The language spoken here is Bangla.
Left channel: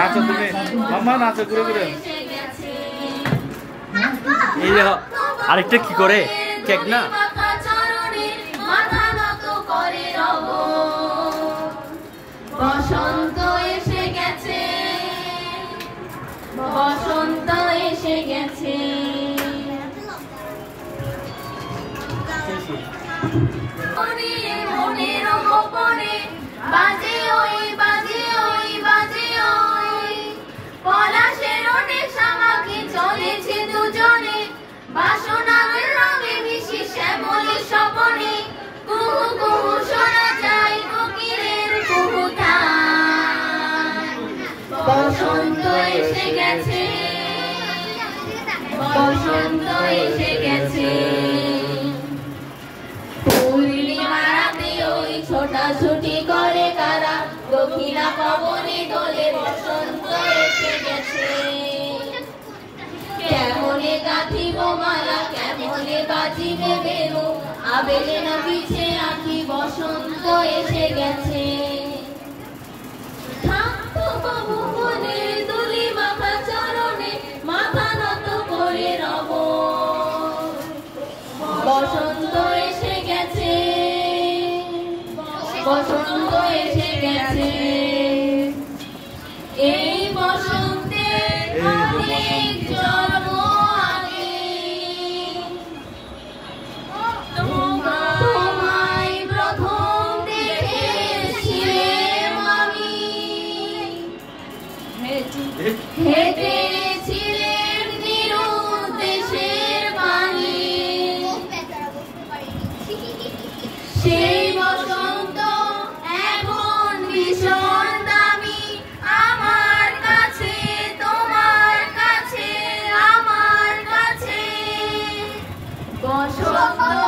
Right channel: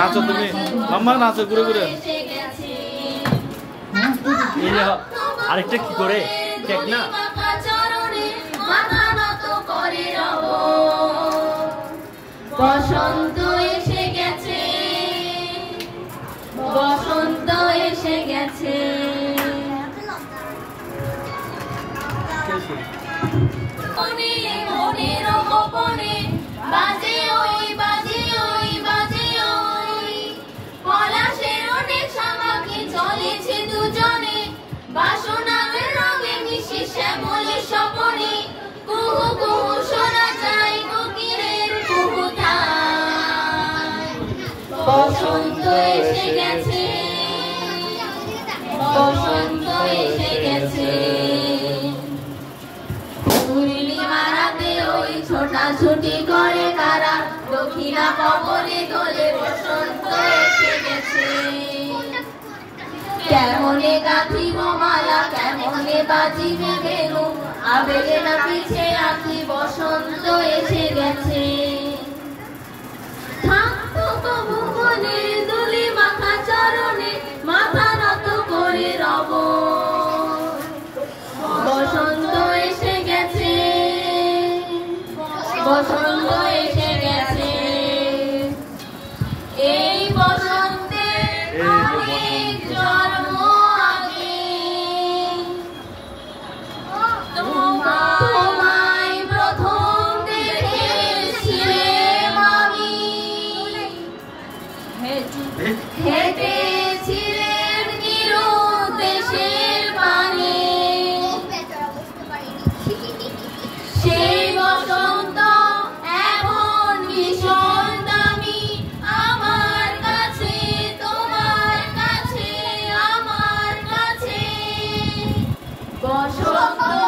নাচো তুমি মাম্মা নাচো ঘুরে ঘুরে আরেকটা কি করে কেক না বসন্ত এসে গেছে বসন্ত এসে গেছে মনের গোপনে বাজে ওই বাজে ওই বাজে ওই পলাশের অনেক সামাকে চলেছে দুজনে বাসনার রঙে মিশে শ্যামলে স্বপনে কুহু কুহু শোনা যায় কোকিলের কুহুতা বসন্ত এসে গেছে বসন্ত এসে গেছে ছোটাছুটি করে কারা দক্ষিণা পবনে দোলে বসন্ত এসে গেছে কেমনে গাঁথিব মালা কেমনে বাজিবে বেনু আবেগে না পিছে আঁকি বসন্ত এসে গেছে থাকতো কবু মনে দুলি মাথা চরণে মাথা নত করে রব বসন্ত এসে গেছে বসন্ত এসে গেছে এই বসন্তে অনেক জন্ম আগে তোমায় প্রথম দেখেছিলাম আমি হেঁটেছিলেন নিরুদ্দেশের পানে সেই বসন্ত এখন ভীষণ দামি আমার কাছে তোমার কাছে আমার কাছে বসন্ত